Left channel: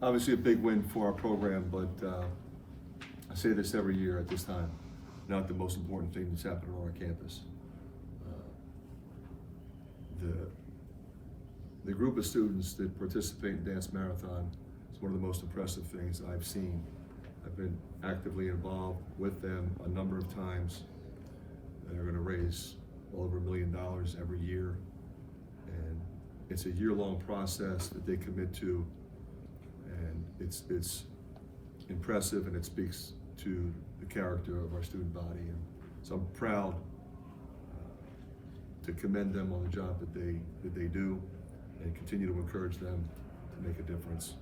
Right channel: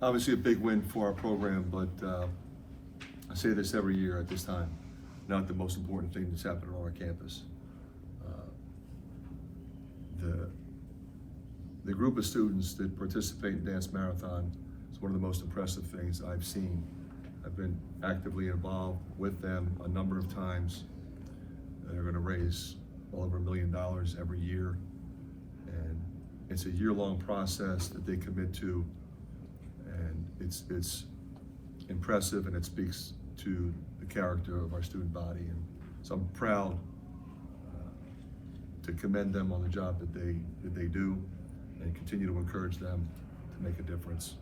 Obviously a big win for our program, but I say this every year at this time, not the most important thing that's happening on our campus. The group of students that participate in Dance Marathon is one of the most impressive things I've seen. I've been actively involved with them a number of times. They're going to raise well over $1 million every year, and it's a year-long process that they commit to, and it's impressive, and it speaks to the character of our student body. And so I'm proud to commend them on the job that they do, and continue to encourage them to make a difference.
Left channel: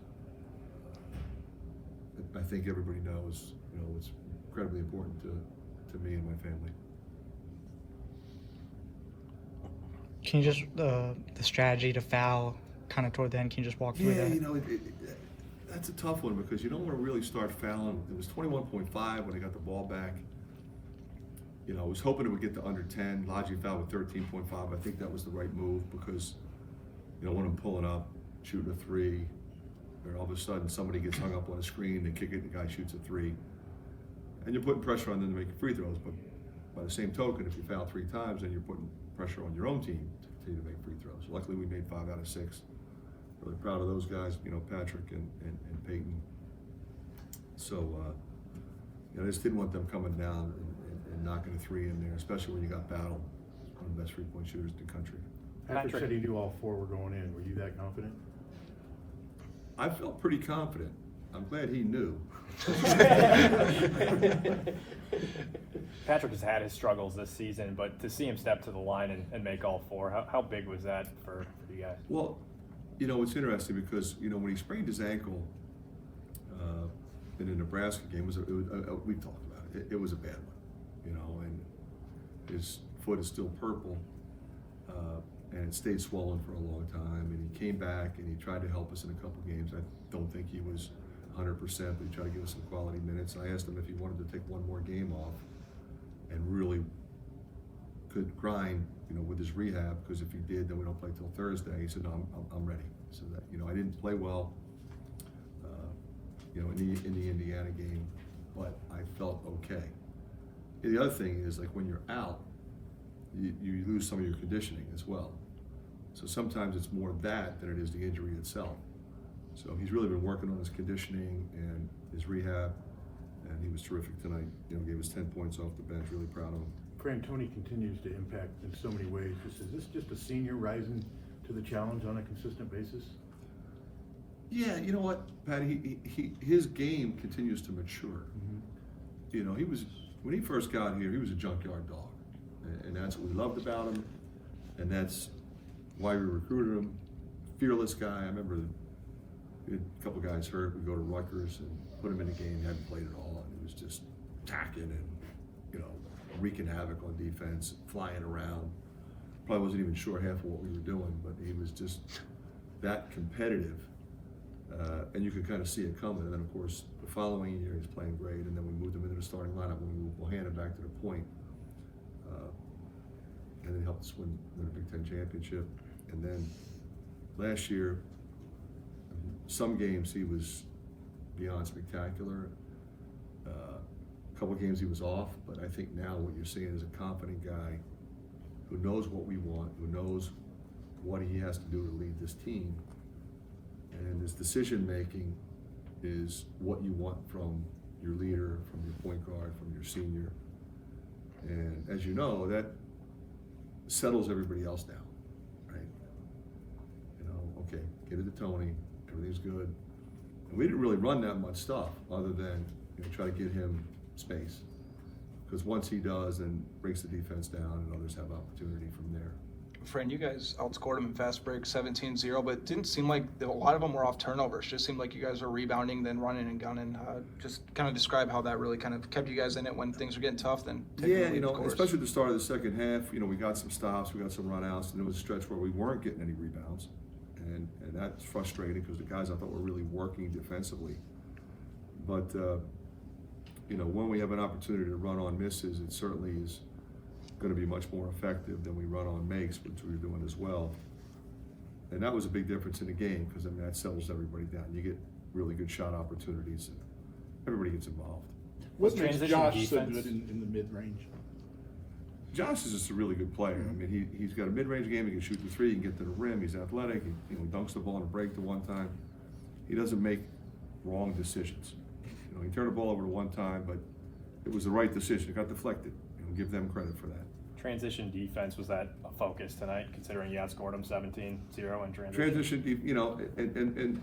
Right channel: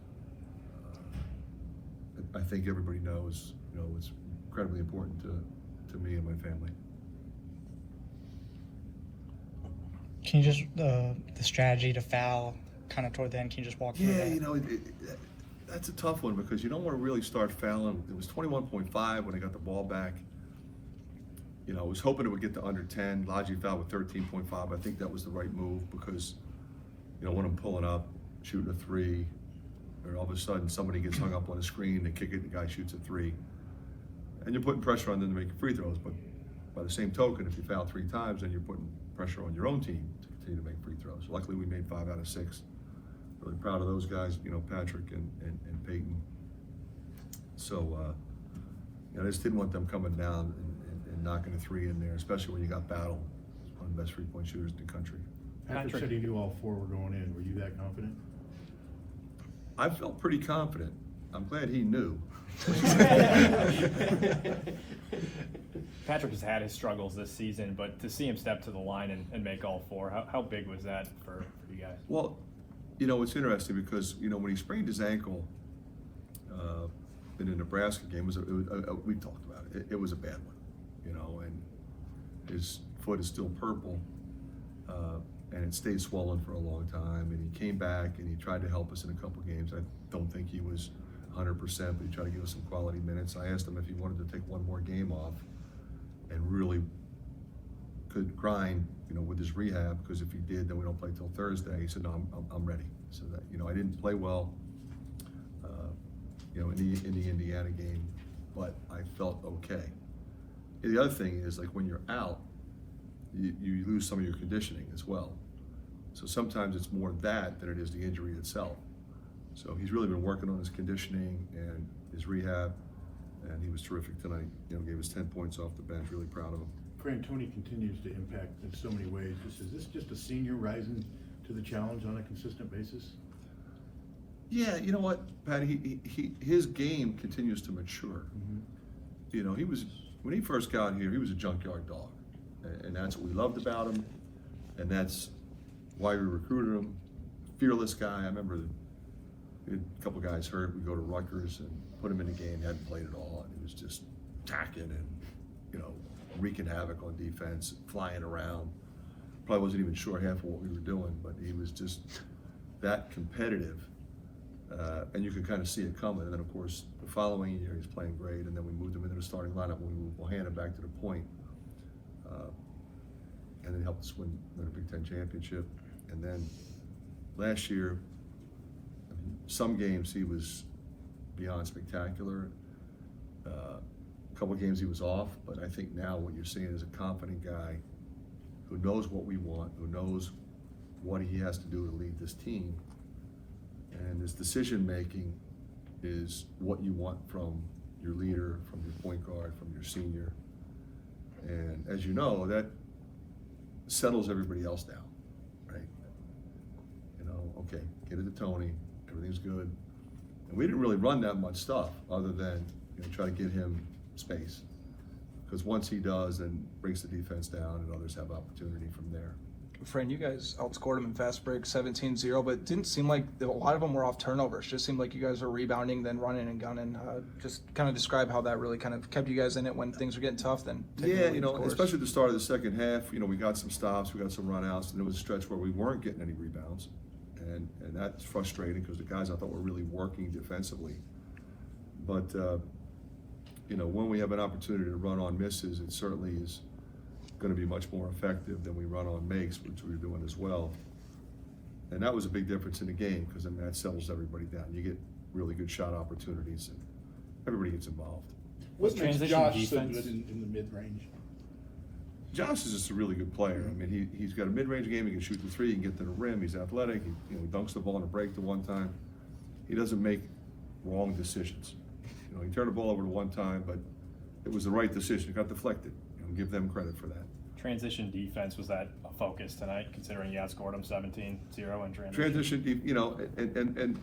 I think everybody knows, it's incredibly important to me and my family. Can you just, the strategy to foul kind of toward the end, can you just walk through that? Yeah, that's a tough one because you don't want to really start fouling. It was 21.5 when I got the ball back. I was hoping it would get to under 10. Logi fouled with 13.5. I think that was the right move because, when I'm pulling up, shooting a three, or all of a sudden somebody gets hung up on a screen, they kick it, the guy shoots a three. And you're putting pressure on them to make free throws, but by the same token, if you foul 3 times, then you're putting pressure on your own team to continue to make free throws. Luckily, we made 5 out of 6. Really proud of those guys, Patrick and Peyton. So, I just didn't want them coming down and knocking a 3 in there, especially when you got Battle, one of the best 3-point shooters in the country. Patrick said he knew all 4 were going in. Were you that confident? I felt pretty confident. I'm glad he knew. Patrick has had his struggles this season, but to see him step to the line and make all 4, how big was that for you guys? Well, it's interesting because, when he sprained his ankle in the Nebraska game, we talked about it. It was a bad one, and his foot is still purple, and it stayed swollen for a long time. And he came back and he tried to help us in a couple games. I don't think he was 100%, but he tried to give us some quality minutes. I asked him if he wanted to take one more game off and really could grind, with his rehab, because if he did, then we don't play till Thursday. He said, no, I'm ready. So that, I didn't play well, in the Indiana game, but I felt okay. And the other thing is, like, when you're out, you lose some of your conditioning as well. So sometimes it's more that than it is the injury itself. So he's really been working on his conditioning and his rehab, and he was terrific tonight. Gave us 10 points off the bench. Really proud of him. Fran, Tony continues to impact in so many ways. Is this just a senior rising to the challenge on a consistent basis? Yeah, you know what, Pat? His game continues to mature. Mm-hmm. He was, when he first got here, he was a junkyard dog, and that's what we loved about him, and that's why we recruited him. Fearless guy. I remember we had a couple guys hurt. We go to Rutgers and put him in the game. He hadn't played at all, and he was just attacking and wreaking havoc on defense, flying around. Probably wasn't even sure half of what we were doing, but he was just that competitive. And you could kind of see it coming. And then, of course, the following year, he's playing great. And then we moved him into the starting lineup when we moved Bohanna back to the point. And then helped us win the Big Ten championship. And then last year, some games he was beyond spectacular. A couple of games he was off, but I think now what you're seeing is a confident guy who knows what we want, who knows what he has to do to lead this team. And his decision making is what you want from your leader, from your point guard, from your senior. And as you know, that settles everybody else down, right? Okay, get it to Tony, everything's good. And we didn't really run that much stuff other than try to get him space. Because once he does, then breaks the defense down and others have opportunity from there. Fran, you guys outscored them in fast break 17-0, but it didn't seem like a lot of them were off turnovers. Just seemed like you guys were rebounding, then running and gunning. Just kind of describe how that really kind of kept you guys in it when things were getting tough. Then yeah, especially at the start of the second half, we got some stops, we got some runouts, and there was a stretch where we weren't getting any rebounds, and that's frustrating because the guys I thought were really working defensively. But when we have an opportunity to run on misses, it certainly is going to be much more effective than we run on makes, which we were doing as well. And that was a big difference in the game because that settles everybody down. You get really good shot opportunities, and everybody gets involved. What makes transition Josh so defense- good in the mid-range? Josh is just a really good player. I mean, he's got a mid-range game. He can shoot the three. He can get to the rim. He's athletic. He dunks the ball in a break the one time. He doesn't make wrong decisions. He turned the ball over to one time, but it was the right decision. It got deflected. Give them credit for that. Transition defense, was that a focus tonight, considering you outscored them 17-0 in transition? Transition, and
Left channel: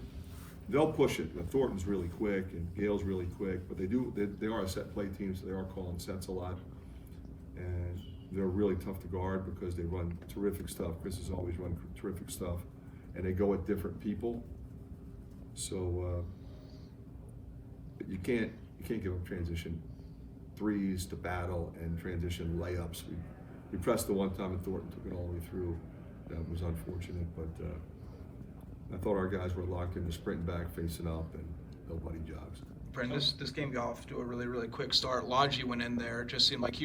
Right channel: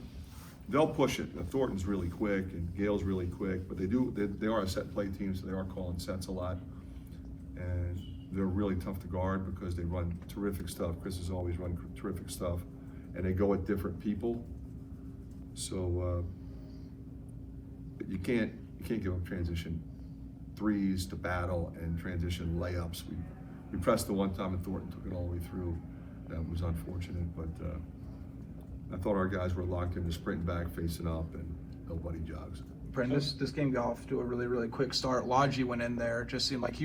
they'll push it. Thornton's really quick and Gale's really quick, but they are a set play team, so they are calling sets a lot. And they're really tough to guard because they run terrific stuff. Chris has always run terrific stuff, and they go at different people. So you can't give up transition threes to battle and transition layups. We pressed the one time and Thornton took it all the way through. That was unfortunate, but I thought our guys were locked in, sprinting back, facing up, and nobody jogs. Brandon, this game got off to a really, really quick start. Logi went in there, just seemed like